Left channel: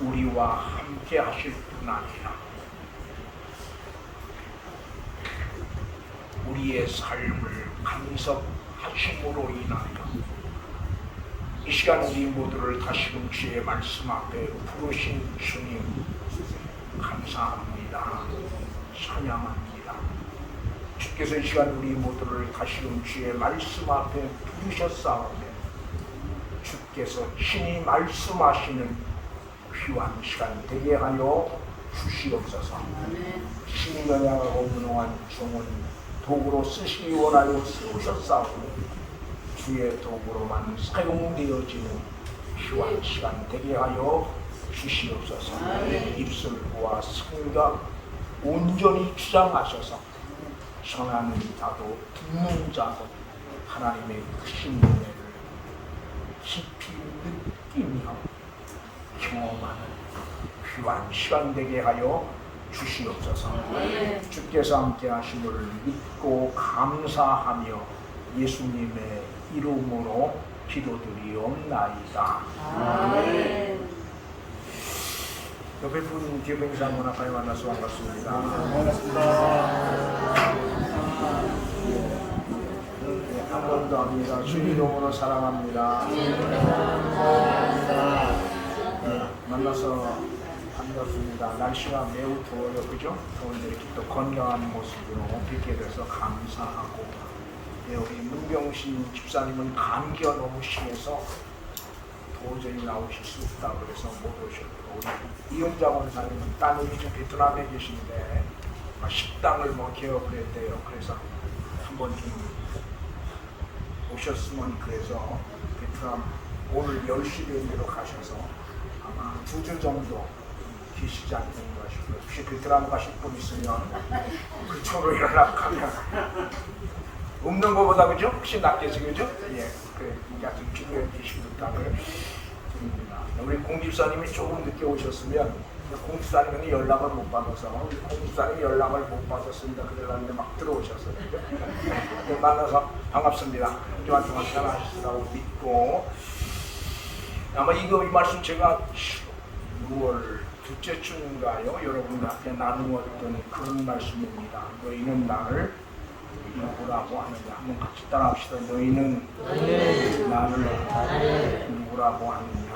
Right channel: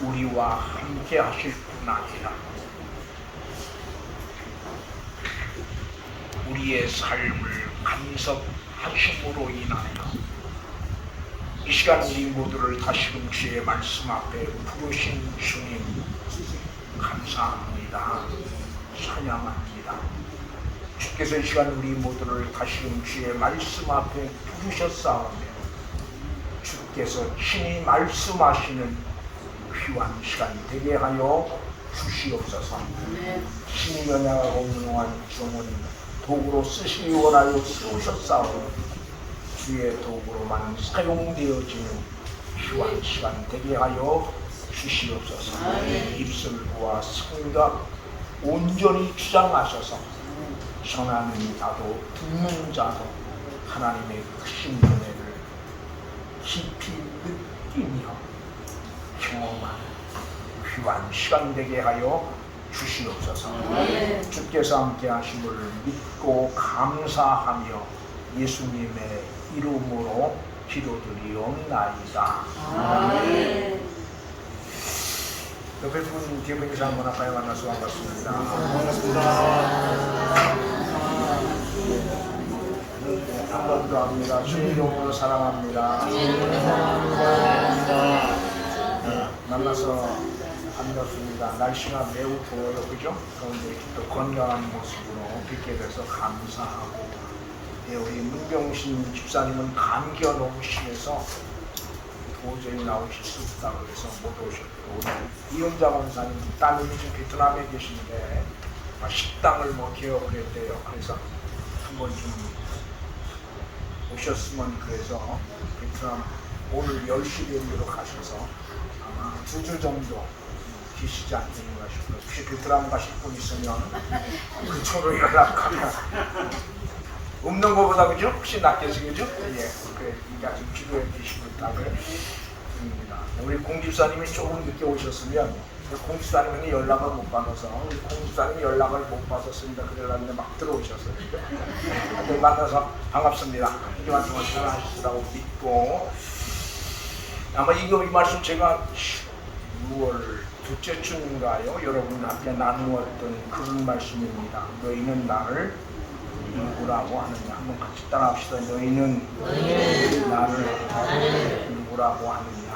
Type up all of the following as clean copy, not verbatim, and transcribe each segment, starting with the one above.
우리와 함께 하실 뿐 아니라 우리의 삶을 간섭하심으로 인하여 이 시간 우리 모두를 다시금 주의 말씀 앞에 부르신 주님 감사합니다. 찬양합니다. 주께서 이 시간 우리 모두를 다시금 주의 말씀 앞에 부르셨사오며 주께서 친히 말씀하시는 귀한 시간 되게 하여 주시옵소서. 신이 연약하고 무능한 종은 도구로 쓰시기 원하여 쓰셨사오니 주의 도구로만 사용되어지는 귀한 시간 되게 하여 주시옵소서. 입술과 생각 온전히 주장하셔서 전하는 자도 듣는 자도 하나님의 크신 은혜를 깊이 느끼며 경험하는 귀한 시간 되게 하여 주시옵소서. 주께서 함께 하심을 믿고 감사하며 예수님의 이름으로 기도드리옵나이다. 옆에 분 뒤에 분 이상 분 앞에 만나서 반갑습니다. 한 번 더 합니다. 주의 이름으로 사랑합니다. 만나서 반갑습니다. 날씨가 매우 더워요, 그죠? 그런데 이렇게 또 건강한 모습으로 뵙게 돼서 감사하고, 우리 문병신 집사님은 감기가 너무 심해서 도저히 나오실 수 없다고 해서 못 오셨고, 우리 이은자 목사님 따님이 지금 베트남에 계신데 식당을 개업을 했대요. 그래서 한번 좀 오셨으면 그래서 베트남 오늘 10시 비행기로 가셔서 아마 2주 정도 계시지 않겠는가 싶어요. 혹시 베트남 가실 분 있으면 그쪽으로 연락하면 없는 것보다 그죠? 혹시 낫겠지 그죠? 예, 그러니까 좀 기도해 주시겠다고 드립니다. 우리 공집사님이 조금 늦게 오셨으면 공집사님은 연락을 못 받아서 우리 공집사님이 연락을 못 받았습니다. 그래가지고 막 들어오셨어요. 그죠? 만나서 반갑습니다. 이만 동안 잘하시다고 믿고 아마 이 말씀 제가 6월 둘째 주인가요? 여러분 앞에 나누었던 그런 말씀입니다. 너희는 나를 누구라고 하느냐? 한번 같이 따라합시다. 너희는 나를 누구라고 하느냐?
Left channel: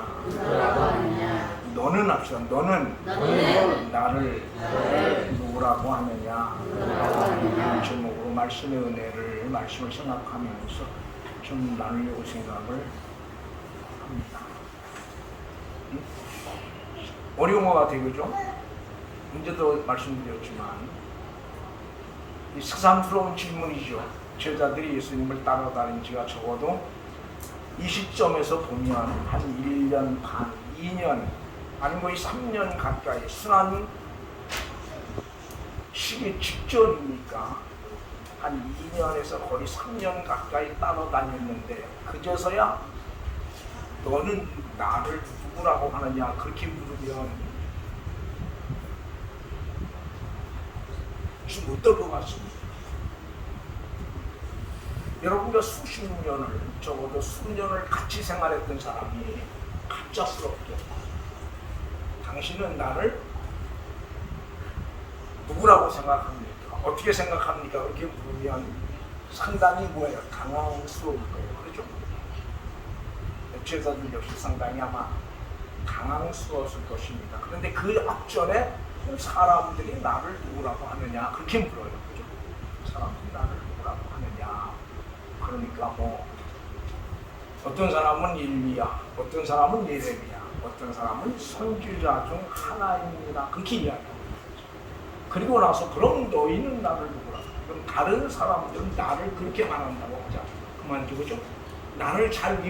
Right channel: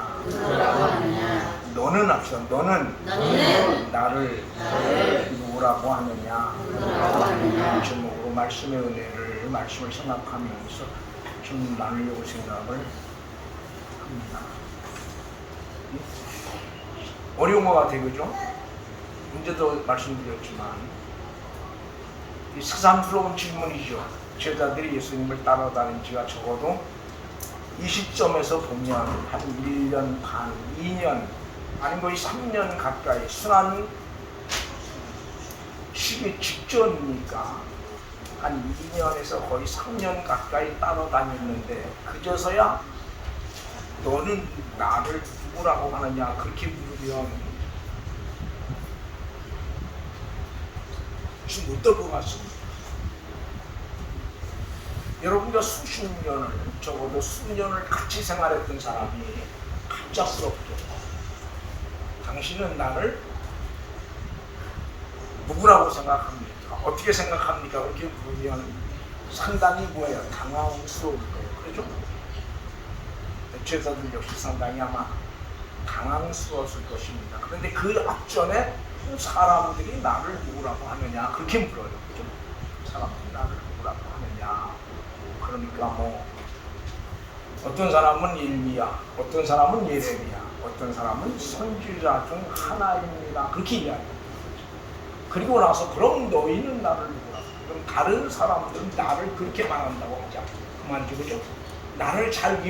너는 합시다. 너는 나를 누구라고 하느냐? 제목으로 말씀의 은혜를 말씀을 생각하면서 좀 나누려고 생각을 합니다. 어려운 것 같아요, 그죠? 문제도 말씀드렸지만 이 새삼스러운 질문이죠. 제자들이 예수님을 따라다닌 지가 적어도 이 시점에서 보면 한 1년 반, 2년 아니면 거의 3년 가까이 순환 시기 직전이니까 한 2년에서 거의 3년 가까이 따라다녔는데 그제서야 너는 나를 누구라고 하느냐 그렇게 물으면 좀 못 될 것 같습니다. 여러분과 수십 년을 적어도 수년을 같이 생활했던 사람이 갑작스럽게 당신은 나를 누구라고 생각합니까? 어떻게 생각합니까? 그렇게 물으면 상당히 뭐예요? 당황스러울 거예요. 그렇죠? 제자들 역시 상당히 아마 당황스러웠을 것입니다. 그런데 그 앞전에 사람들이 나를 누구라고 하느냐 그렇게 물어요. 그렇죠? 사람들이 나를 누구라고 하느냐. 그러니까 뭐 어떤 사람은 일리야, 어떤 사람은 예레미야, 어떤 사람은 선지자 중 하나입니다. 그렇게 이야기합니다. 그리고 나서 그럼 너희는 나를 누구라고? 그럼 다른 사람들은 나를 그렇게 말한다고 하자. 그만 그죠? 나를 잘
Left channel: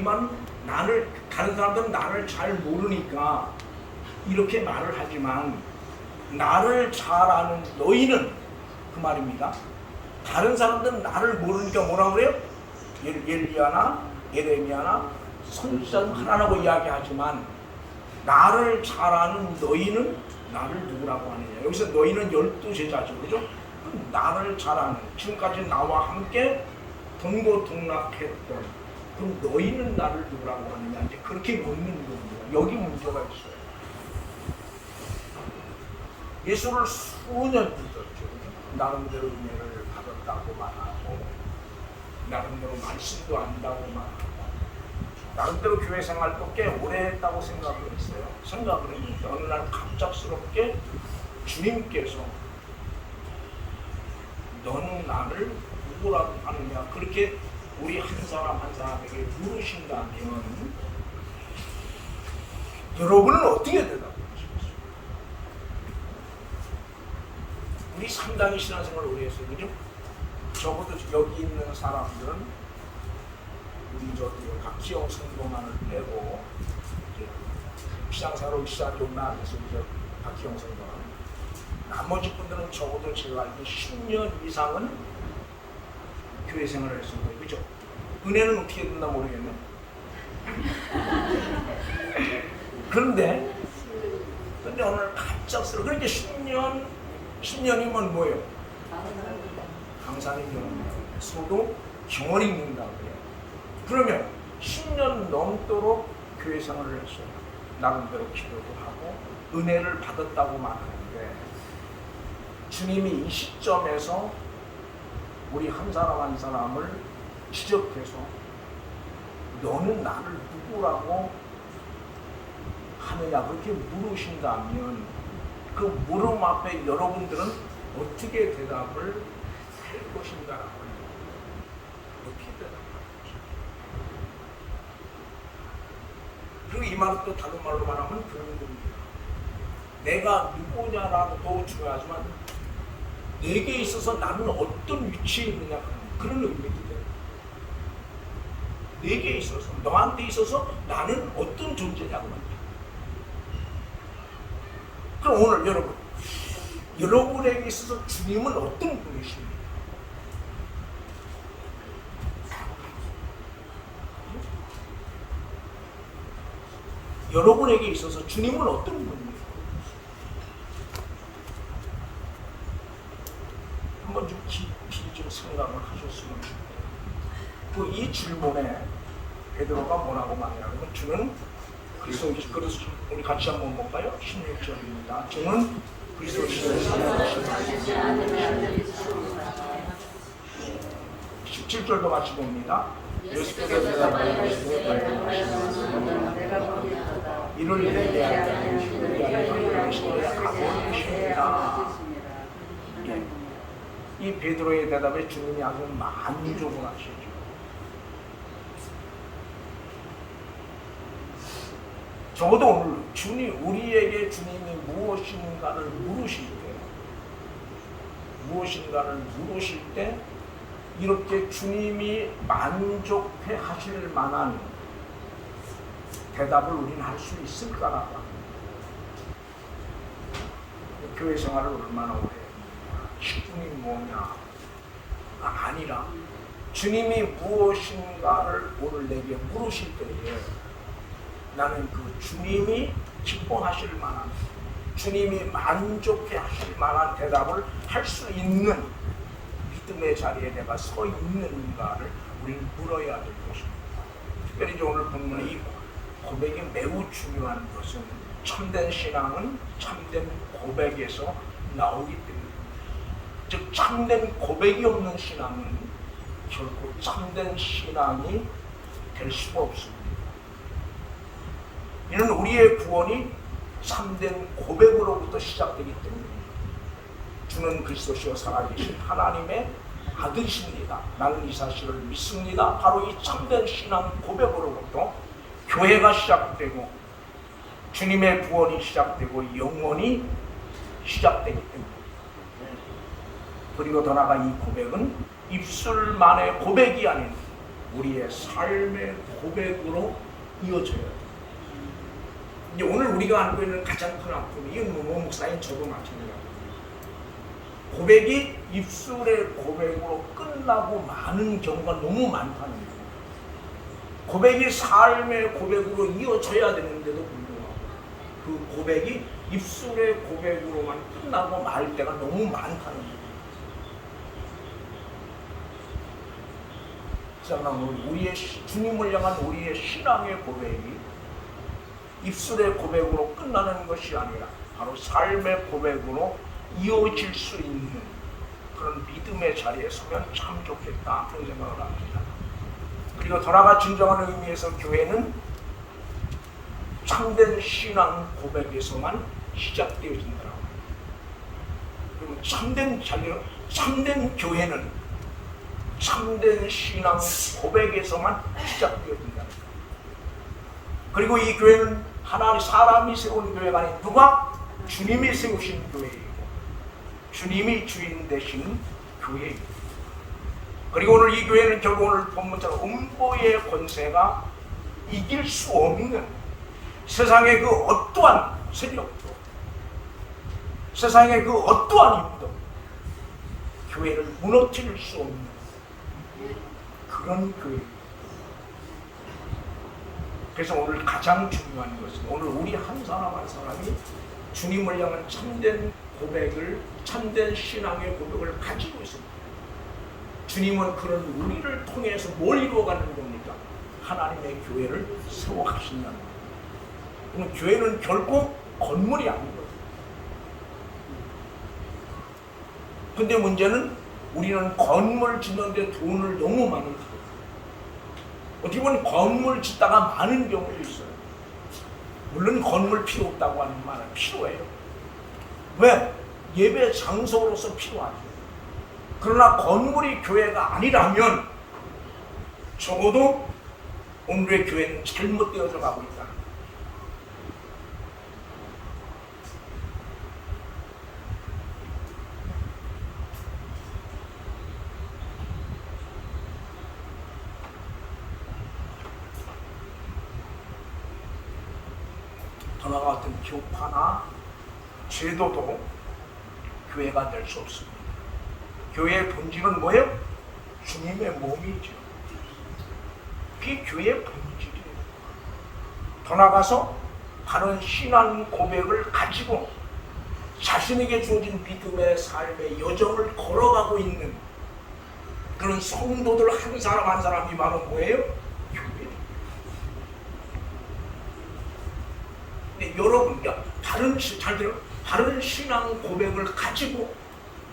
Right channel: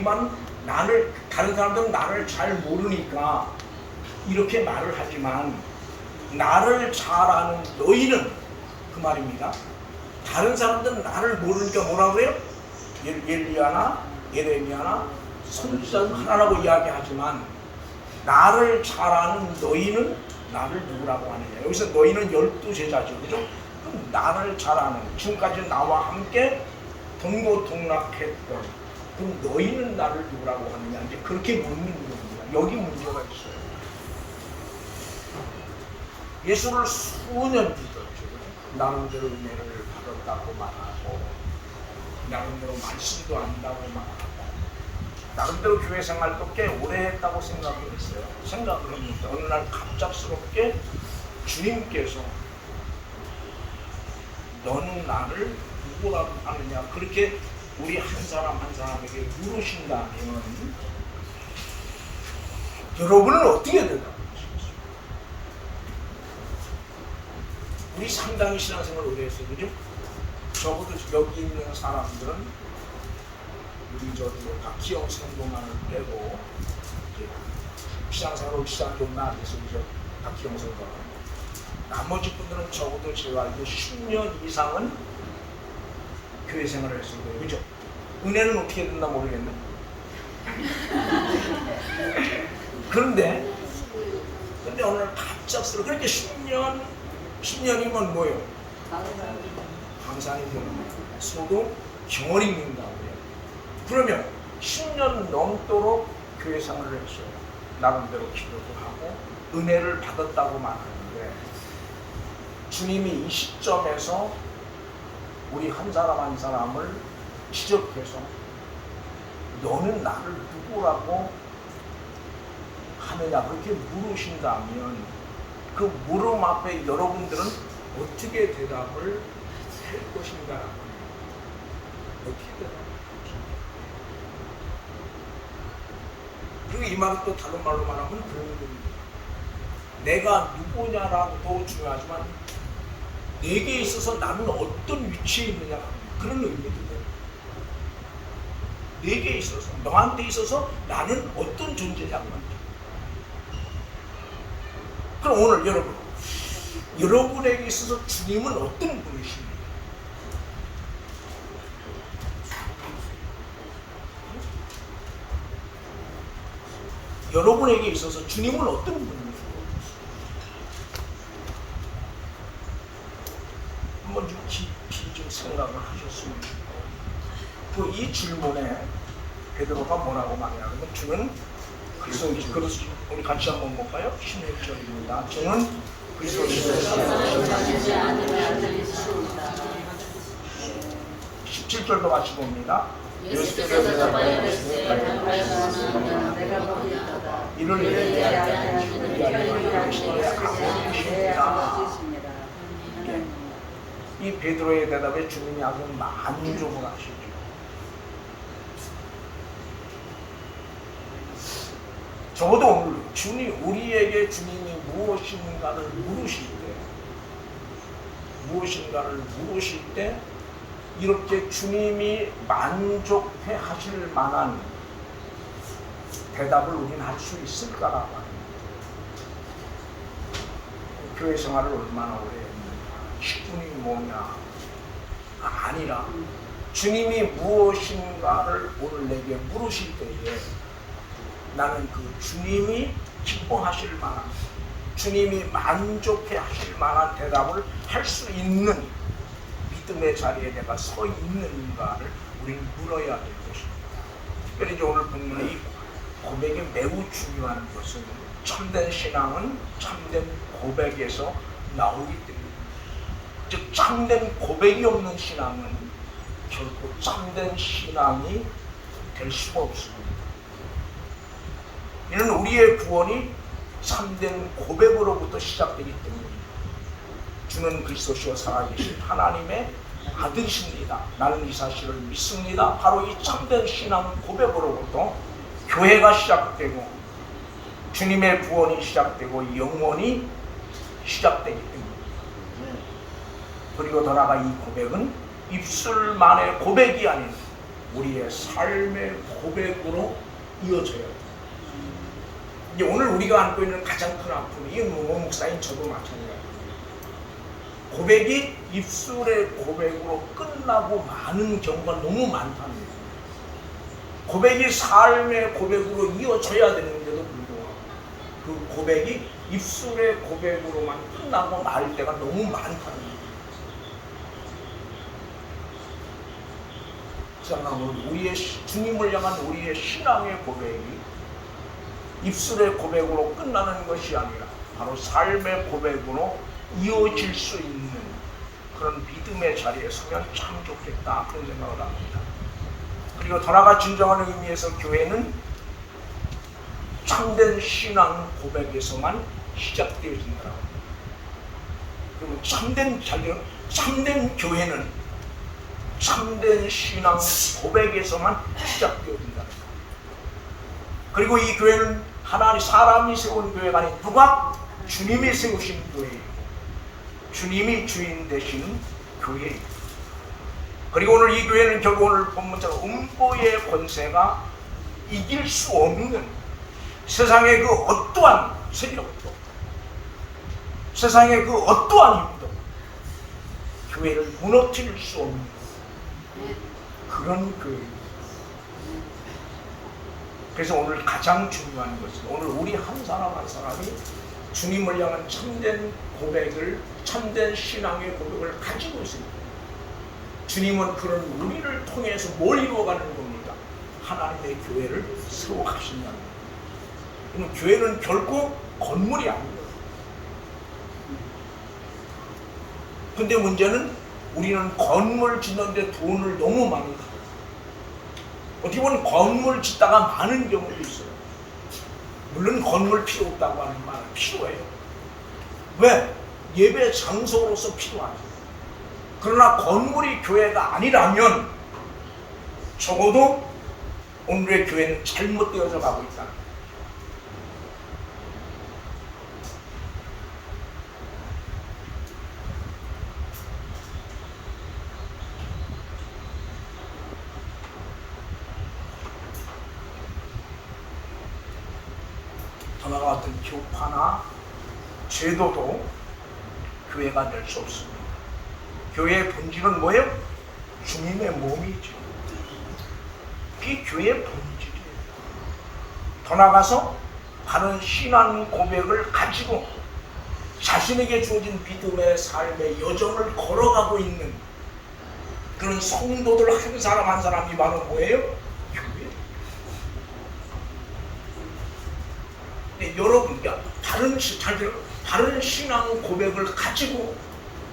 다른 사람들은 나를 잘 모르니까 이렇게 말을 하지만 나를 잘 아는 너희는 그 말입니다. 다른 사람들은 나를 모르니까 뭐라고 해요? 엘리야나 예레미야나 선지자 하나라고 이야기하지만 나를 잘 아는 너희는 나를 누구라고 하느냐. 여기서 너희는 12제자죠. 그죠? 나를 잘 아는 지금까지 나와 함께 동고동락했던 그럼 너희는 나를 누구라고 하느냐. 이제 그렇게 묻는 겁니다. 여기 문제가 있어요. 예수를 수년 믿었죠. 나름대로 은혜를 받았다고 말하고, 나름대로 말씀도 안다고 말하고, 나름대로 교회 생활도 꽤 오래 했다고 생각을 했어요. 생각을 했는데 어느 날 갑작스럽게 주님께서 너는 나를 누구라고 하느냐, 그렇게 우리 한 사람 한 사람에게 물으신다면 여러분은 어떻게 대답하시겠어요? 우리 상당히 신앙생활을 오래 했어요. 그죠? 적어도 여기 있는 사람들은 우리 저기 박지영 선동만을 빼고 시장사로 시장 좀 나와서 이제 박지영 선동, 나머지 분들은 적어도 제가 알기로 10년 이상은 교회 생활을 했을 거예요. 그죠? 은혜는 어떻게 된다 모르겠네. 그런데 오늘 갑작스럽게 그렇게 10년이면 뭐예요? 강산이 되는 거예요. 소도 경월이 있는다고 해요. 그러면 10년 넘도록 교회 생활을 했어요. 나름대로 기도도 하고 은혜를 받았다고 말하는데, 주님이 이 시점에서 우리 한 사람 한 사람을 지적해서 너는 나를 누구라고 하느냐 그렇게 물으신다면 그 물음 앞에 여러분들은 어떻게 대답을 할 것인가라고 합니다. 어떻게 대답할지. 그리고 이 말은 또 다른 말로 말하면 그런 겁니다. 내가 누구냐라고도 중요하지만 내게 있어서 나는 어떤 위치에 있느냐 그런 의미도 돼요. 내게 있어서, 너한테 있어서 나는 어떤 존재냐고 말이죠. 그럼 오늘 여러분에게 있어서 주님은 어떤 분이십니까? 여러분에게 있어서 주님은 어떤 분이십니까? 한번 좀 깊이 좀 생각을 하셨으면 좋겠어요. 또 이 질문에 베드로가 뭐라고 말하냐면, 주는 그리스도이시다. 우리 같이 한번 볼까요? 16절입니다. 주는 그리스도이시다. 17절도 같이 봅니다. 이를 위해 이 베드로의 대답에 주님이 아주 만족을 하시죠. 적어도 오늘 우리에게 주님이 무엇인가를 물으실 때 이렇게 주님이 만족해 하실 만한 대답을 우리는 할 수 있을까라고 합니다. 교회 생활을 얼마나 오래 했는데 식분이 뭐냐가 아니라 주님이 무엇인가를 오늘 내게 물으실 때에 나는 그 주님이 기뻐하실 만한, 주님이 만족해 하실 만한 대답을 할 수 있는 믿음의 자리에 내가 서 있는가를 우리는 물어야 될 것입니다. 특별히 오늘 본문의 이 고백이 매우 중요한 것은 참된 신앙은 참된 고백에서 나오기 때문입니다. 즉 참된 고백이 없는 신앙은 결코 참된 신앙이 될 수가 없습니다. 이는 우리의 구원이 참된 고백으로부터 시작되기 때문입니다. 주는 그리스도시요 살아계신 하나님의 아들이십니다. 나는 이 사실을 믿습니다. 바로 이 참된 신앙 고백으로부터 교회가 시작되고 주님의 구원이 시작되고 영원이 시작되기 때문입니다. 그리고 더 나아가 이 고백은 입술만의 고백이 아닌 우리의 삶의 고백으로 이어져야 합니다. 이제 오늘 우리가 안고 있는 가장 큰 아픔이 이 목사인 저도 마찬가지입니다. 고백이 입술의 고백으로 끝나고 마는 경우가 너무 많다는 거예요. 고백이 삶의 고백으로 이어져야 되는데도 불구하고 그 고백이 입술의 고백으로만 끝나고 말 때가 너무 많다는 거예요. 우리의 주님을 향한 우리의 신앙의 고백이 입술의 고백으로 끝나는 것이 아니라 바로 삶의 고백으로 이어질 수 있는 그런 믿음의 자리에 서면 참 좋겠다 그런 생각을 합니다. 그리고 더 나아가 진정한 의미에서 교회는 참된 신앙 고백에서만 시작되어진다. 그리고 참된 교회는 참된 신앙 고백에서만 시작되어진다. 그리고 이 교회는 하나님 사람이 세운 교회가 아닌 누가? 주님이 세우신 교회예요. 주님이 주인 되신 교회예요. 그리고 오늘 이 교회는 결국 오늘 본문처럼 음보의 권세가 이길 수 없는 세상의 그 어떠한 세력도 세상의 그 어떠한 힘도 교회를 무너뜨릴 수 없는 그런 교회입니다. 그래서 오늘 가장 중요한 것은 오늘 우리 한 사람 한 사람이 주님을 향한 참된 고백을 참된 신앙의 고백을 가지고 있습니다. 주님은 그런 우리를 통해서 뭘 이루어가는 겁니까? 하나님의 교회를 세워가신다는 겁니다. 그럼 교회는 결코 건물이 아닙니다. 근데 문제는 우리는 건물 짓는데 돈을 너무 많이 들어요. 어떻게 보면 건물 짓다가 많은 경우도 있어요. 물론 건물 필요 없다고 하는 말은 필요해요. 왜? 예배 장소로서 필요하죠. 그러나 건물이 교회가 아니라면 적어도 오늘의 교회는 잘못되어져 가고 있다. 전화가 어떤 교파나 제도도 교회가 될 수 없습니다. 교회의 본질은 뭐예요? 주님의 몸이죠. 그게 교회의 본질이에요. 더 나아가서 다른 신앙 고백을 가지고 자신에게 주어진 믿음의 삶의 여정을 걸어가고 있는 그런 성도들 한 사람 한 사람이 바로 뭐예요? 교회. 근데 여러분, 다른 신앙 고백을 가지고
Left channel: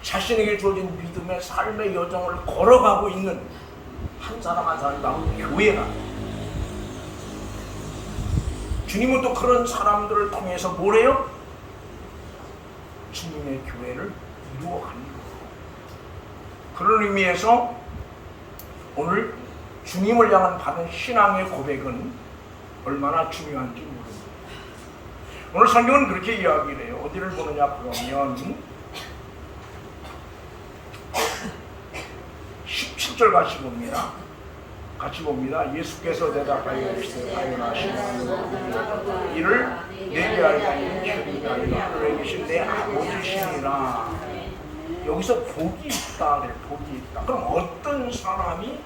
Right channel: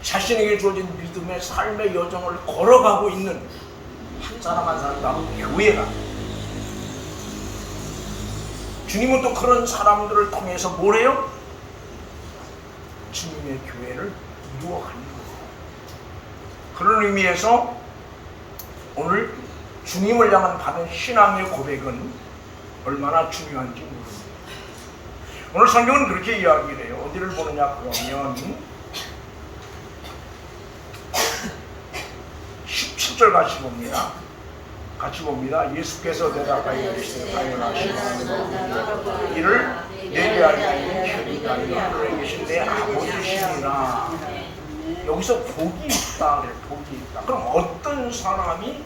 자신에게 주어진 믿음의 삶의 여정을 걸어가고 있는 한 사람 한 사람이 바로 교회가. 주님은 또 그런 사람들을 통해서 뭐래요? 주님의 교회를 이루어가는 거예요. 그런 의미에서 오늘 주님을 향한 바른 신앙의 고백은 얼마나 중요한지 모릅니다. 오늘 성경은 그렇게 이야기를 해요. 어디를 보느냐 그러면 17절 같이 봅니다. 예수께서 대답하여 이르시되 이를 내게 알고 편이 아니라 하늘에 계신 내 아버지시니라. 여기서 복이 있다 그래. 복이 있다. 그럼 어떤 사람이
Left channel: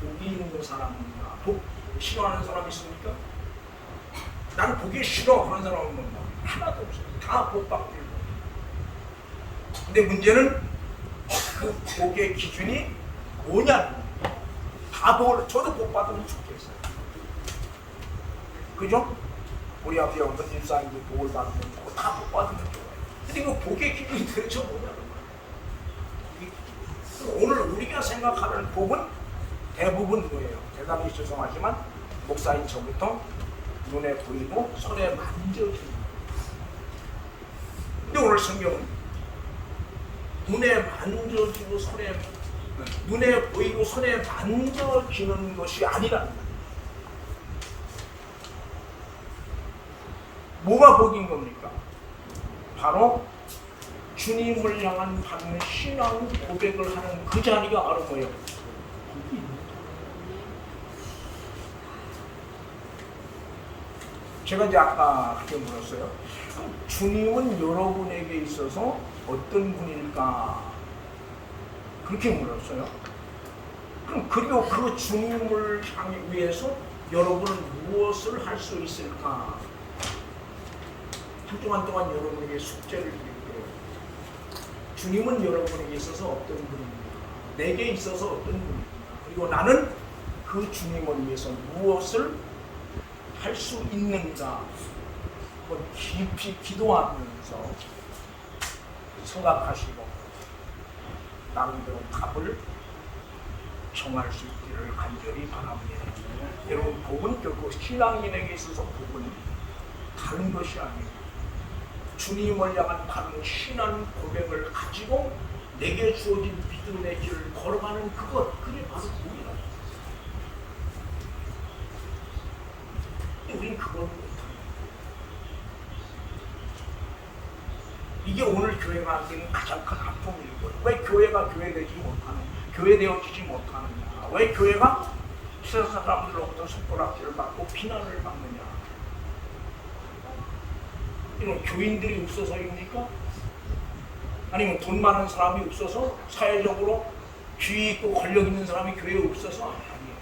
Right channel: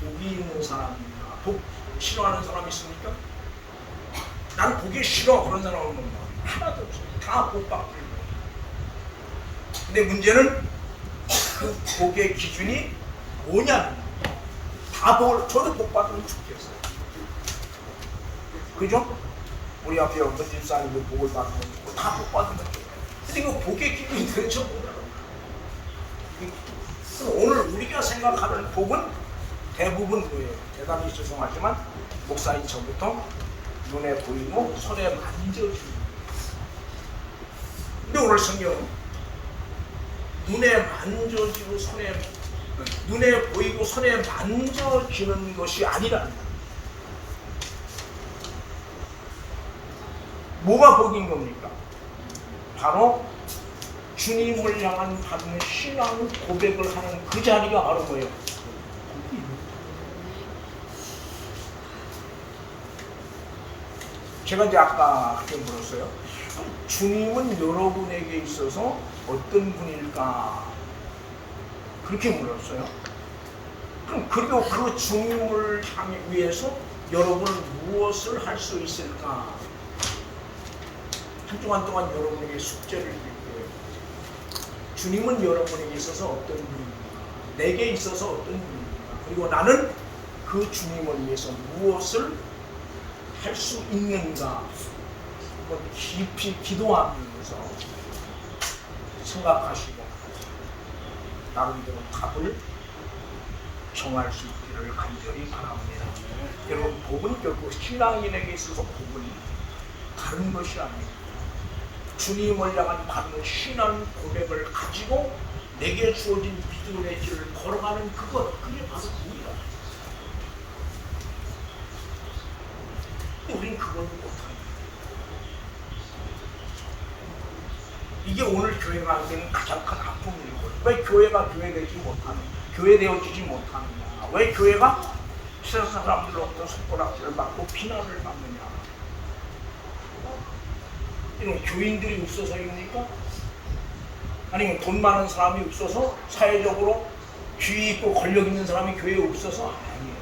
복이 있는 사람입니까? 복 싫어하는 사람이 있습니까? 난 복이 싫어 그런 사람은 뭐 하나도 없어요. 다 복 받고 있는 거예요. 근데 문제는 그 복의 기준이 뭐냐는 다 복을 저도 복 받으면 좋겠어요. 그죠? 우리 앞에 어떤 집사님들 복을 받으면 좋고 다 복 받으면 좋아요. 근데 그 복의 기준이 도대체 뭐냐고. 오늘 우리가 생각하는 복은 대부분 뭐예요? 대단히 죄송하지만 목사인 저부터 눈에 보이고 손에 만져주는 거예요. 근데 오늘 성경은 눈에 만져지고 눈에 보이고 손에 만져지는 것이 아니라는 거예요. 뭐가 복인 겁니까? 바로 주님을 향한 받는 신앙 고백을 하는 그 자리가 바로 뭐예요? 제가 이제 아까 그렇게 물었어요. 주님은 여러분에게 있어서 어떤 분일까? 그렇게 물었어요. 그리고 그 주님을 향해 위해서 여러분은 무엇을 할 수 있을까? 한 주간 동안 여러분에게 숙제를 드릴게요. 주님은 여러분에게 있어서 어떤 분입니까? 내게 있어서 어떤 분입니까? 그리고 나는 그 주님을 위해서 무엇을 할 수 있는가? 한번 깊이 기도하면서 생각하시고 나름대로 답을 정할 수 있기를 간절히 바랍니다. 여러분, 복은 결국 신앙인에게 있어서 복은 다른 것이 아닙니다. 주님을 향한 바른 신앙 고백을 가지고 내게 주어진 믿음의 길을 걸어가는 그게 바로 복이다. 근데 우린 그걸 못합니다. 이게 오늘 교회가 안 되는 가장 큰 아픔이고, 왜 교회가 교회되지 못하는, 교회되어지지 못하느냐, 왜 교회가 세상 사람들로부터 손가락질을 받고 비난을 받느냐. 이건 교인들이 없어서입니까? 아니면 돈 많은 사람이 없어서, 사회적으로 귀 있고 권력 있는 사람이 교회에 없어서? 아니에요.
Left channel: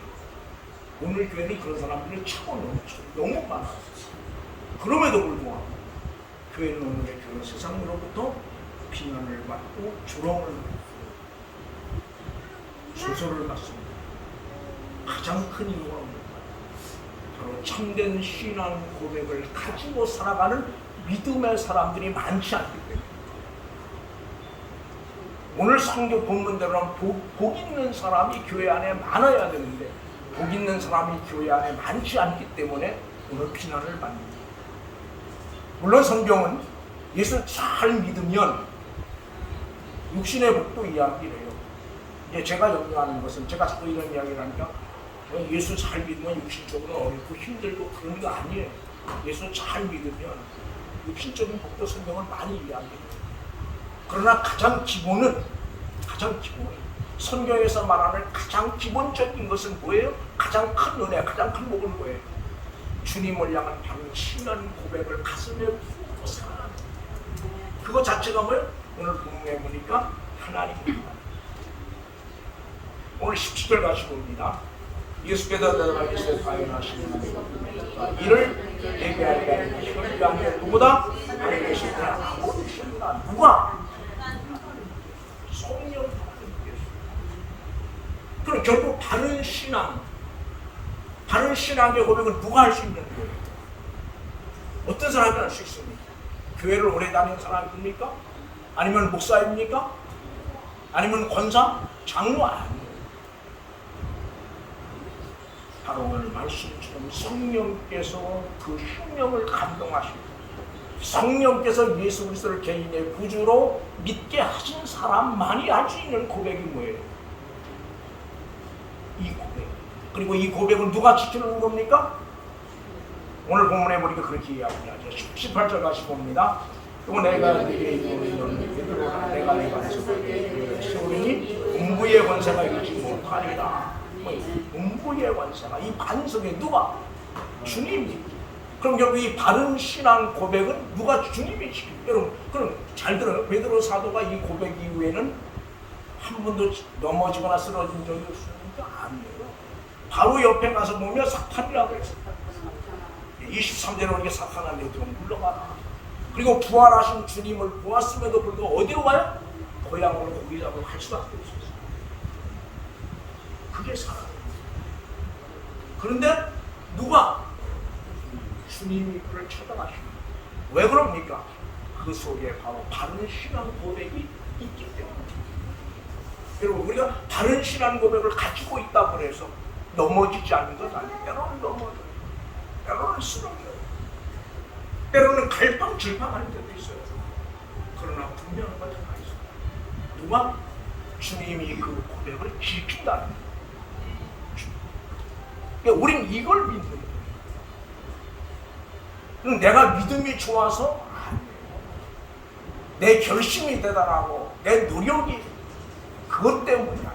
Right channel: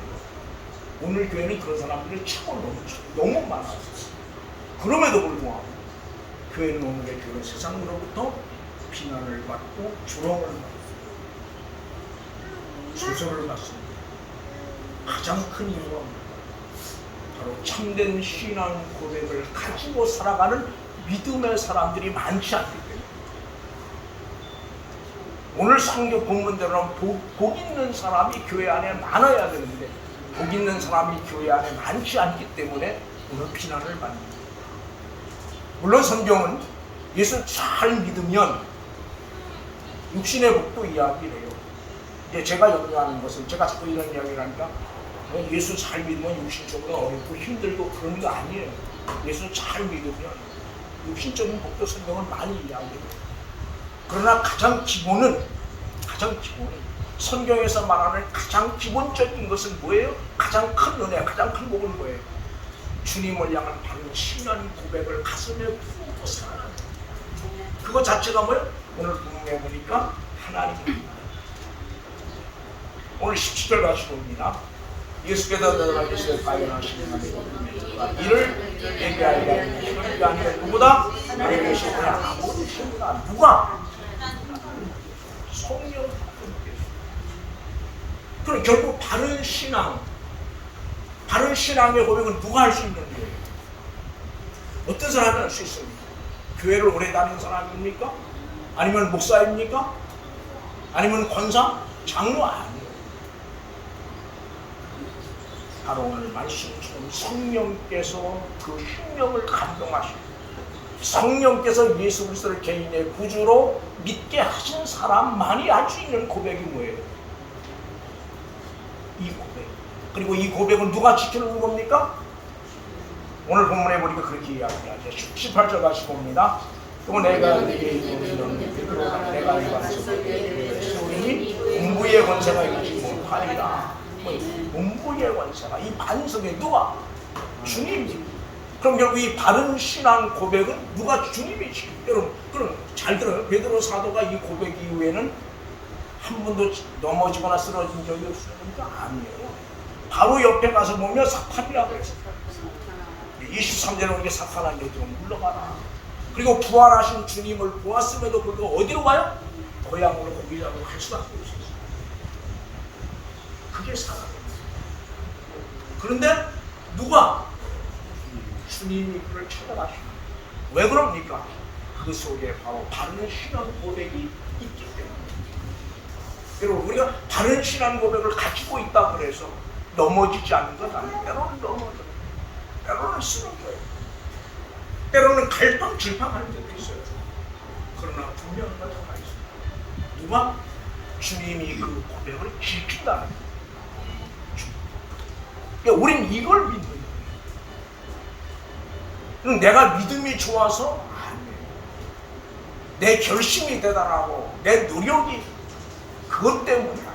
오늘 교회는 그런 사람들이 너무 많았어요. 그럼에도 불구하고 교회는 오늘의 교회 세상으로부터 비난을 받고 조롱을 받고 조소를 받습니다. 가장 큰 이유가 바로 참된 신앙 고백을 가지고 살아가는 믿음의 사람들이 많지 않기 때문에. 오늘 성경 본문대로는 복 있는 사람이 교회 안에 많아야 되는데 복 있는 사람이 교회 안에 많지 않기 때문에 오늘 비난을 받습니다. 물론 성경은 예수 잘 믿으면 육신의 복도 이야기를 해요. 이제 제가 염려하는 것은, 제가 자꾸 이런 이야기를 하니까 예수 잘 믿으면 육신적으로 어렵고 힘들고 그런 거 아니에요. 예수 잘 믿으면 육신적인 복도 성경은 많이 이야기해요. 그러나 가장 기본은 성경에서 말하는 가장 기본적인 것은 뭐예요? 가장 큰 은혜, 가장 큰 복은 뭐예요? 주님을 향한 바른 신앙 고백을 가슴에 품고 살아가는 그거 자체가 뭐예요? 오늘 본문에 보니까 하나님입니다. 오늘 17절 같이 봅니다. 예수께서 들어가기를 발견하시는 하나님 이를 얘기하리라. 이를 아니라 누구다? 나에 계신 분이 아무도 신이다. 누가? 성령 하나님께서. 그럼 결국 바른 신앙의 고백은 누가 할 수 있는 거예요? 어떤 사람이 할 수 있습니까? 교회를 오래 다닌 사람입니까? 아니면 목사입니까? 아니면 권사? 장로 아니에요. 바로 오늘 말씀처럼 성령께서 그 생명을 감동하시고 성령께서 예수 그리스도를 개인의 구주로 믿게 하신 사람만이 할 수 있는 고백이 뭐예요? 이 고백. 그리고 이 고백은 누가 지켜주는 겁니까? 오늘 본문에 보니까 그렇게 이야기하죠. 18절 같이 봅니다. 또 내가 네게 이루는 베드로 내가 내 안에서 세우리니 음부의 권세가 이기지 못하리라. 음부의 권세가 이 반석에 누가? 주님이. 그럼 결국 이 바른 신앙 고백은 누가? 주님이 지킵니다. 여러분 그럼 잘 들어요. 베드로 사도가 이 고백 이후에는 한 번도 넘어지거나 쓰러진 적이 없으니까 아니에요. 바로 옆에 가서 보면 사탄이라고 해서 23절에 오는 게 사탄한테 좀 물러가라. 그리고 부활하신 주님을 보았음에도 불구하고 어디로 가요? 고향으로 고기 잡으러 갈 수밖에 없어요. 그게 사랑입니다. 그런데 누가? 주님이 그를 찾아가십니다. 왜 그럽니까? 그 속에 바로 바른 신앙 고백이 있기 때문에. 여러분 우리가 바른 신앙 고백을 가지고 있다 그래서 넘어지지 않는 것 아니에요. 때로는 넘어져요. 때로는 쓰러져요. 때로는 갈팡질팡할 때도 있어요. 그러나 분명한 건 하나 있어요. 누가? 주님이 그 고백을 지킨다는 거예요. 그러니까 우린 이걸 믿는 거예요. 내가 믿음이 좋아서 아니에요. 내 결심이 대단하고 내 노력이 그것 때문에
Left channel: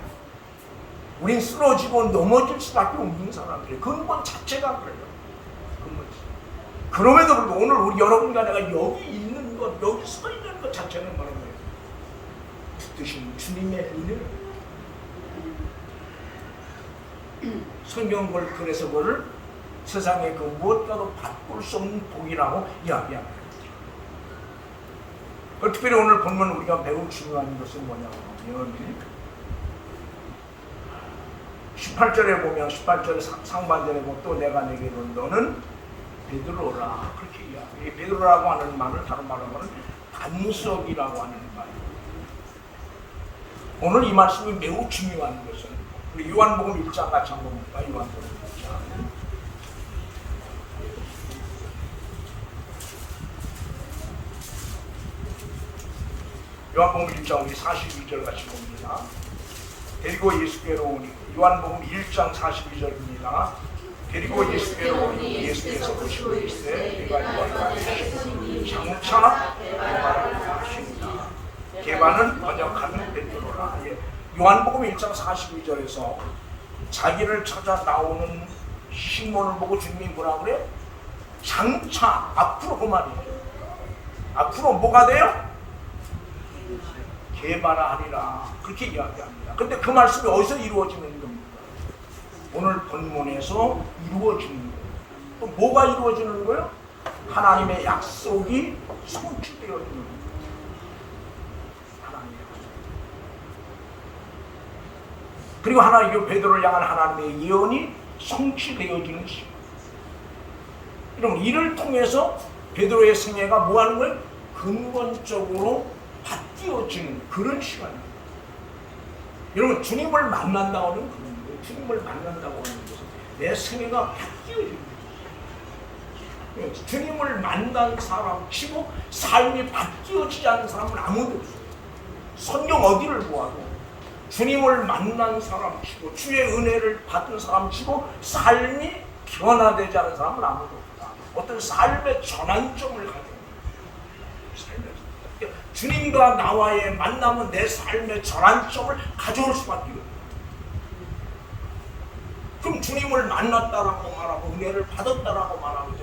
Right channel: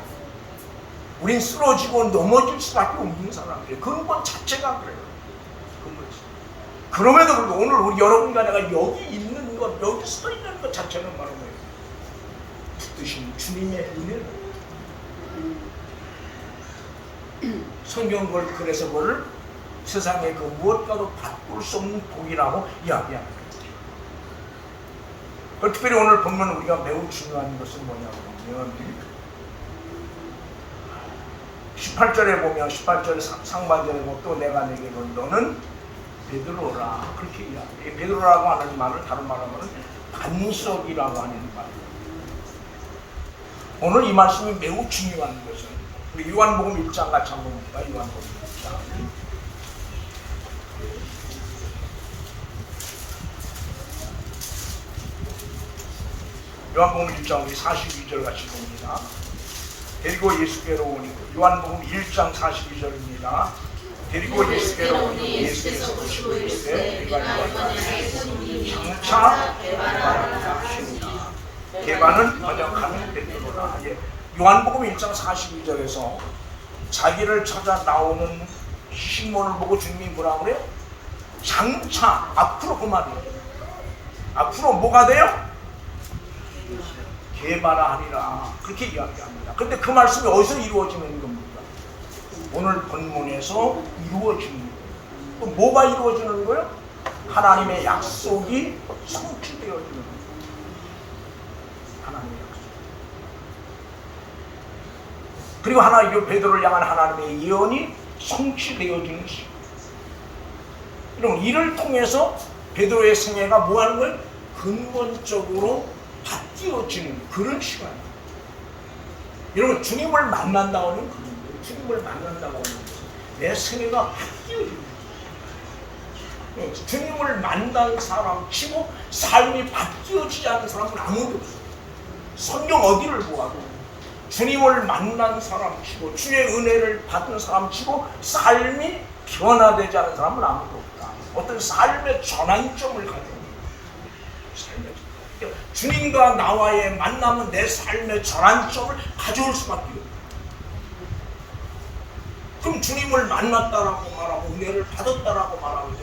우린 쓰러지고 넘어질 수밖에 없는 사람들이에요. 근본 자체가 그래요. 그럼에도 불구하고 오늘 우리 여러분과 내가 여기 있는 것, 여기 서 있는 것 자체는 바로 뭐예요? 붙드신 주님의 은혜를. 성경 그래서 뭐를 세상의 그 무엇과도 바꿀 수 없는 복이라고 이야기합니다. 특별히 오늘 보면 우리가 매우 중요한 것은 뭐냐고 하면 18절에 보면 18절 상반절에 보면 또 내가 내게 이르노니 너는 베드로라 그렇게 이야기해요. 베드로라고 하는 말을 다른 말로 하면 반석이라고 하는 말이에요. 오늘 이 말씀이 매우 중요한 것은 우리 요한복음 1장 같이 한번 볼까요? 요한복음 1장. 요한복음 1장 우리 42절 같이 봅니다. 데리고 예수께로 오니 요한복음 1장 42절입니다. 데리고 예수께로 오니 예수께서 보시고 이르시되 내가 장차 개바는 번역하는 베드로라. 요한복음 1장 42절에서 자기를 찾아 나오는 시몬을 보고 주님이 뭐라 그래요? 장차 앞으로 그 말이에요. 앞으로 뭐가 돼요? 개바라하리라 그렇게 이야기합니다. 근데 그 말씀이 어디서 이루어지는 겁니까? 오늘 본문에서 이루어지는 거예요. 뭐가 이루어지는 거예요? 하나님의 약속이 성취되어지는 거예요. 하나님의 약속. 그리고 하나님 베드로를 향한 하나님의 예언이 성취되어지는 시간. 이를 통해서 베드로의 생애가 뭐하는 거예요? 근본적으로 바뀌어지는 그런 시간입니다. 여러분 주님을 만난다고 하는 그런 거예요. 주님을 만난다고 하는 것은 내 생애가 바뀌어지는 거예요. 주님을 만난 사람 치고 삶이 바뀌어지지 않는 사람은 아무도 없어요. 성경 어디를 보아도 주님을 만난 사람 치고 주의 은혜를 받은 사람 치고 삶이 변화되지 않은 사람은 아무도 없다. 어떤 삶의 전환점을 가지고 삶의 주님과 나와의 만남은 내 삶의 전환점을 가져올 수밖에 없어요. 그럼 주님을 만났다라고 말하고 은혜를 받았다라고 말하고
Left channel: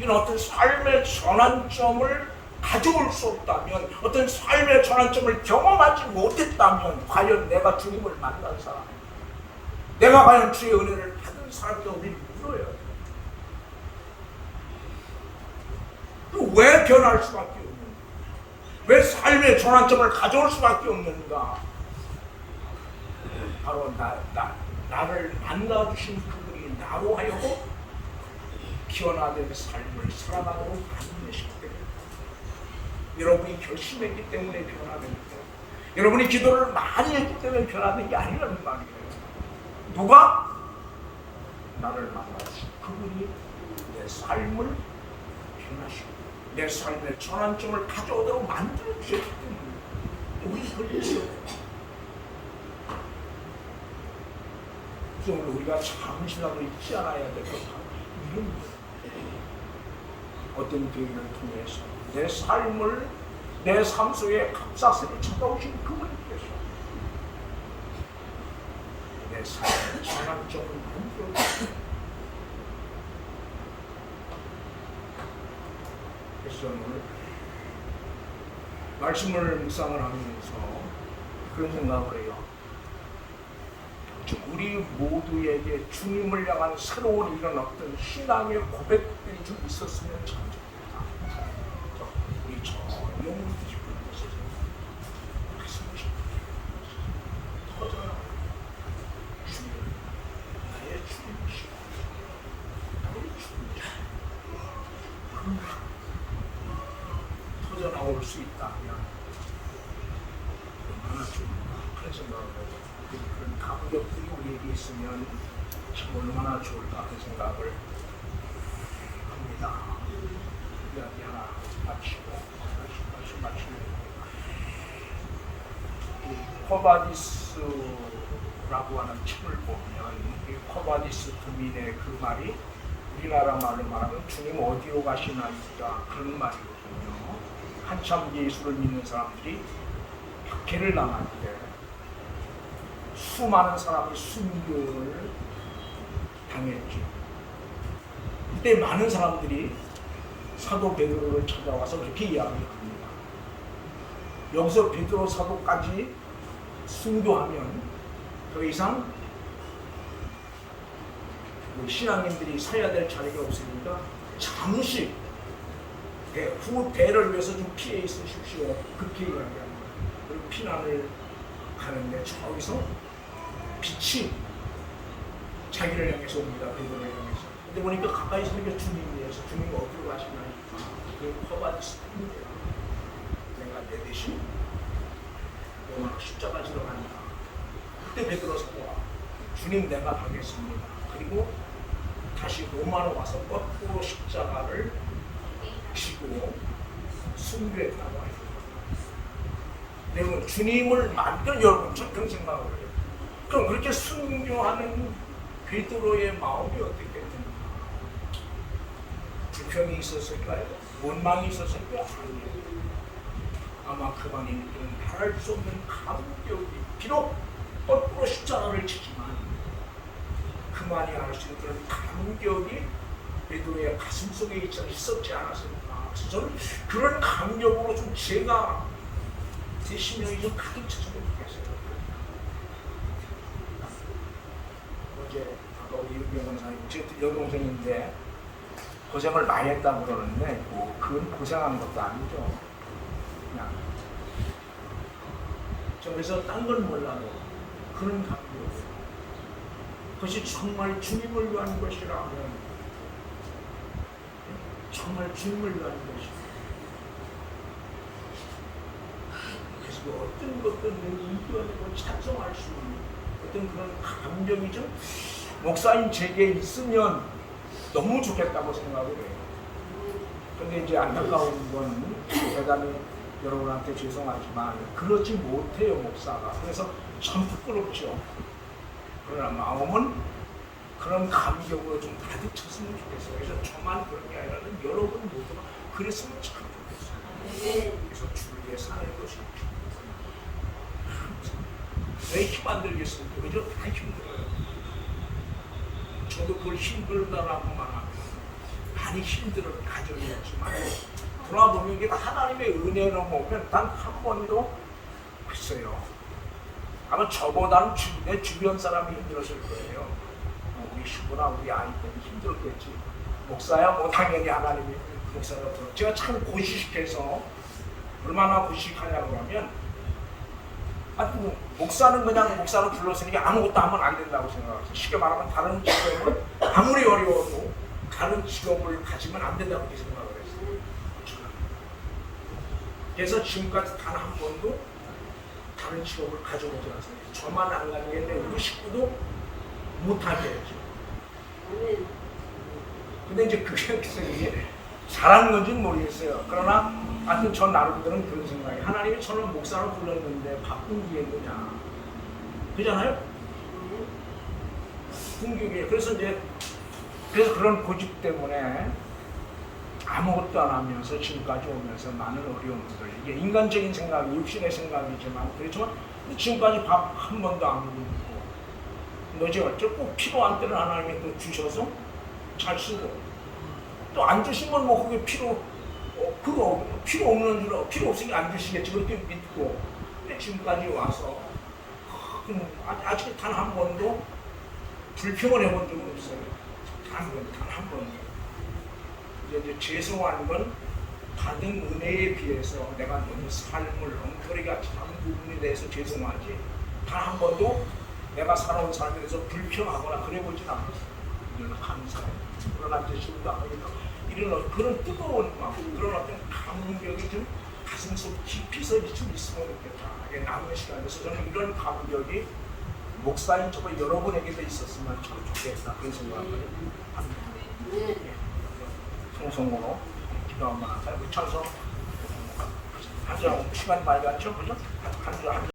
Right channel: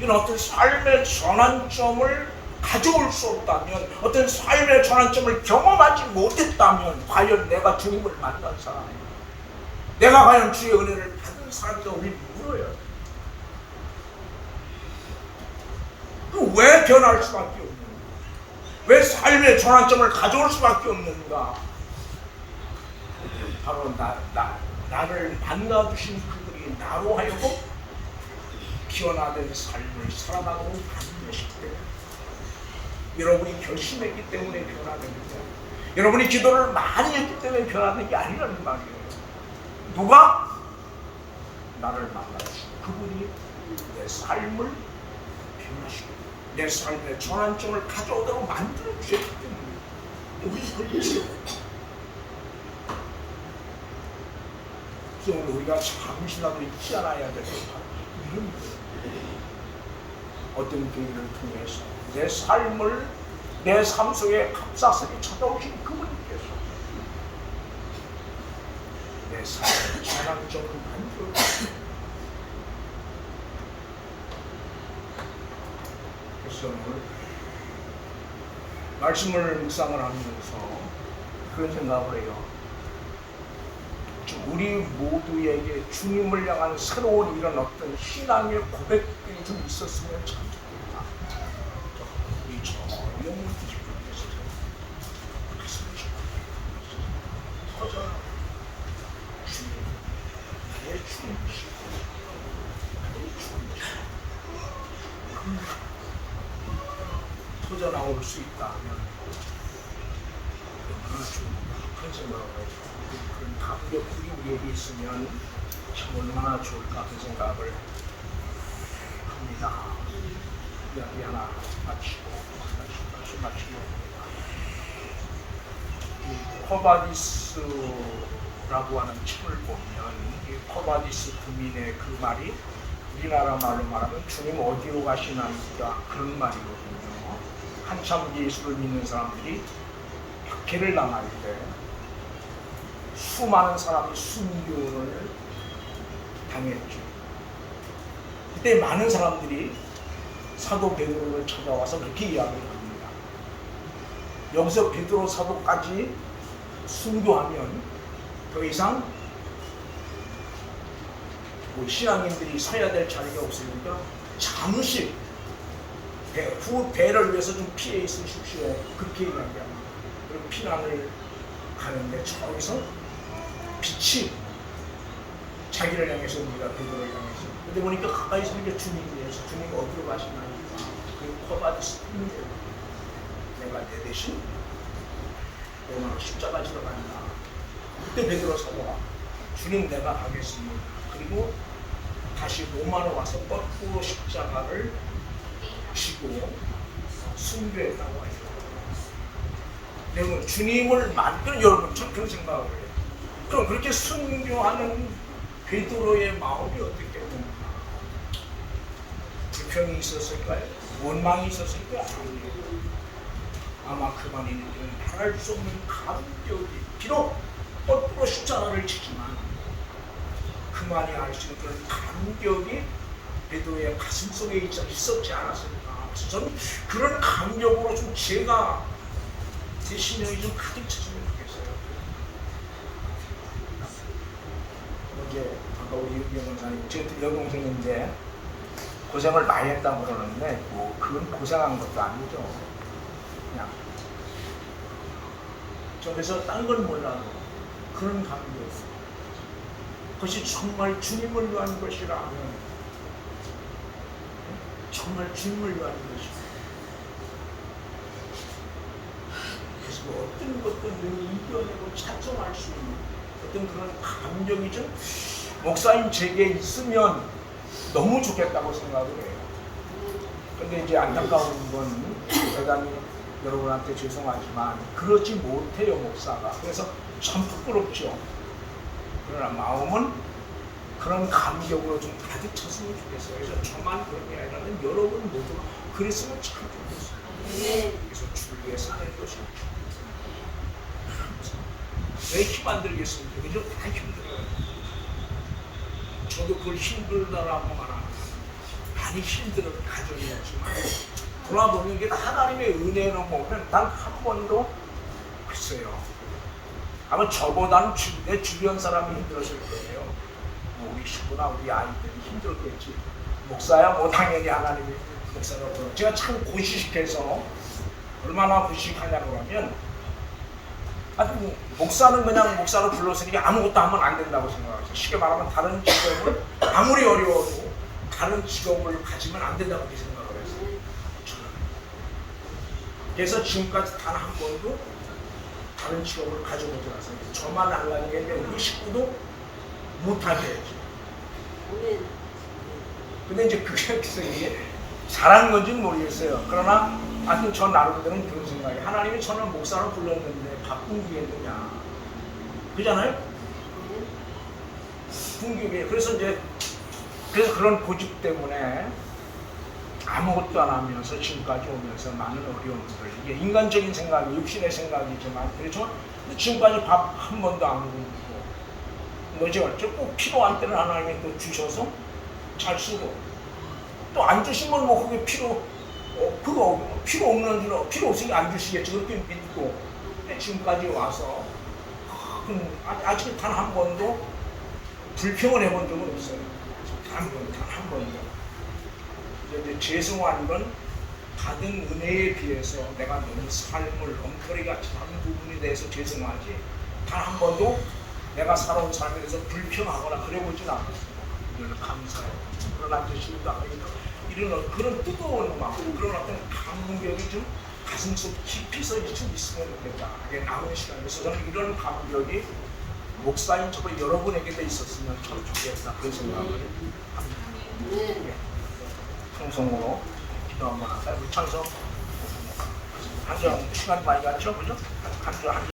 이런 어떤 삶의 전환점을 가져올 수 없다면, 어떤 삶의 전환점을 경험하지 못했다면 과연 내가 주님을 만난 사람인가? 내가 과연 주의 은혜를 받은 사람인가? 우리 물어야 돼. 왜 변할 수밖에 없는가? 왜 삶의 전환점을 가져올 수밖에 없는가? 바로 나를 만나주신 그분이 나로 하여금 변화된 삶을 살아가고 하는 것이기 때문에, 여러분이 결심했기 때문에 변화됩니다. 여러분이 기도를 많이 했기 때문에 변화된 게 아니라는 말이에요. 누가? 나를 만나주신 그분이 내 삶을 변화시키고 내 삶의 전환점을 가져오도록 만들어 주셨기 때문에 우리 그걸 믿어요. 그래서 오늘 우리가 잠시라도 잊지 않아야 될 것은 이런 거예요. 어떤 교회를 통해서 내 삶을, 내 삶 속에 갑작스레 찾아오신 그분께서 내 삶의 전환점을 만들어 주셨어요. 그래서 오늘 말씀을 묵상을 하면서 그런 생각을 해요. 우리 모두에게 주님을 향한 새로운 이런 어떤 신앙의 고백들이 좀 있었으면 참 좋겠다. 이 영혼 깊은데서 터져라. 주님, 내 주님이시다. 터져 나올 수 있다면 얼마나 좋은가 그런 생각을 해요. 그런 감격들이 우리에게 있으면 참 얼마나 좋을까 그 생각을 합니다. 이야기 하나 마치고 이 코바디스라고 하는 책을 보면 이 코바디스 부민의 그 말이 우리나라 말로 말하면 주님 어디로 가시나이다 그런 말이거든요. 한참 예수를 믿는 사람들이 박해를 당할 때 수많은 사람이 순교를 당했죠. 이때 많은 사람들이 사도 베드로를 찾아와서 이렇게 이야기합니다. 여기서 베드로 사도까지 순교하면 더 이상 신앙인들이 서야 될 자리가 없으니까 잠시 후 배를 위해서 좀 피해 있으십시오. 그렇게 이야기합니다. 그리고 피난을 가는데 저기서 빛이 자기를 향해서 옵니다. 베드로를 향해서 근데 보니까 가까이 있으면 이게 주님이에요. 주님이 어디로 가시냐면 커바디스 뿐이에요. 내가 내 대신 오늘 십자가 지러 간다. 그때 베드로 서가 주님 내가 가겠습니다. 그리고 다시 로마로 와서 뻗고 십자가를 지고 순교했다고 해요. 여러분 주님을 만들 여러분 참 그런 생각을 해요. 그럼 그렇게 순교하는 베드로의 마음이 어떻겠는가? 불평이 있었을까요? 원망이 있었을까요? 아니에요. 아마 그만이는 말할 수 없는 감격이 비록 뻗고 십자가를 지지만 그만이 알 수 있는 그런 감격이 베드로의 가슴 속에 있었지 않았을까? 그래서 저는 그런 감격으로 좀 제가 제 심령이 좀 가득 찼으면 좋겠어요. 이제 아까 우리 여동생이 제 여동생인데 고생을 많이 했다고 그러는데 뭐 그건 고생한 것도 아니죠. 그냥 저래서 딴 건 몰라도 그런 감격 그것이 정말 주님을 위한 것이라면 정말 주님을 위한 것이다. 그래서 어떤 것들은 이겨내고 찬송할 수 있는 어떤 그런 감정이 좀 목사님 제게 있으면 너무 좋겠다고 생각을 해요. 근데 이제 안타까운 건 대단히 여러분한테 죄송하지만 그러지 못해요 목사가. 그래서 참 부끄럽죠. 그러나 마음은 그런 감격으로 좀 가득 찼으면 좋겠어요. 그래서 저만 그런 게 아니라는 여러분 모두가 그랬으면 참 좋겠어요. 그래서 주위에 사는 것이 왜 힘 안 들겠습니까? 그죠? 다 힘들어요. 저도 그걸 힘들다라고 말하면 많이 힘들어 가정이었지만 돌아보면 이게 하나님의 은혜로 보면 단 한 번도 없어요. 아마 저보다는 내 주변 사람이 힘들었을 거예요. 뭐 우리 식구나 우리 아이들이 힘들었겠지. 목사야 뭐 당연히 하나님이 목사라고. 제가 참 고시식해서 얼마나 고시식하냐고 하면 목사는 그냥 목사로 불렀으니까 아무것도 하면 안 된다고 생각해요. 쉽게 말하면 다른 직업을 아무리 어려워도 다른 직업을 가지면 안 된다고 생각을 했어요. 그래서 지금까지 단 한 번도 다른 직업을 가져보지 않았어요. 저만 안 가겠는데 우리 식구도 못하게 했죠. 근데 이제 그게 잘하는 건지는 모르겠어요. 그러나 하여튼 저 나름대로는 그런 생각이 하나님이 저는 목사로 불렀는데 바꾼 게 뭐냐 그잖아요? 궁극이 그래서 그런 고집 때문에 아무것도 안 하면서 지금까지 오면서 많은 어려움들 이게 인간적인 생각이 육신의 생각이지만 그렇지만 지금까지 밥 한 번도 안 먹고 뭐죠? 꼭 필요한 때는 하나님이 또 주셔서 잘 쓰고 또 안 주시면 뭐 그게 그거 필요 없는 줄 필요 없으니 안 주시겠지 그렇게 믿고 지금까지 와서 아직 단 한 번도 불평을 해본 적은 없어요. 단 한 번도. 이제 죄송한 건 받은 은혜에 비해서 내가 너무 삶을 엉터리 같이 하는 부분에 대해서 죄송하지 단 한 번도 내가 살아온 삶에 대해서 불평하거나 그래 보진 않았어요. 이거는 감사해요. 그러나 이제 지금도 이런 그런 뜨거운 마음, 그런 어떤 감격이 좀 가슴속 깊이서 좀 있으면 좋겠다. 남은 시간에서 저는 이런 감격이 목사인 저도 여러분에게도 있었으면 참 좋겠다. 그런 생각을 합니다. 청송으로 기도 한번 할까요? 찬송. 한 시간 많이 가죠? 그죠? 한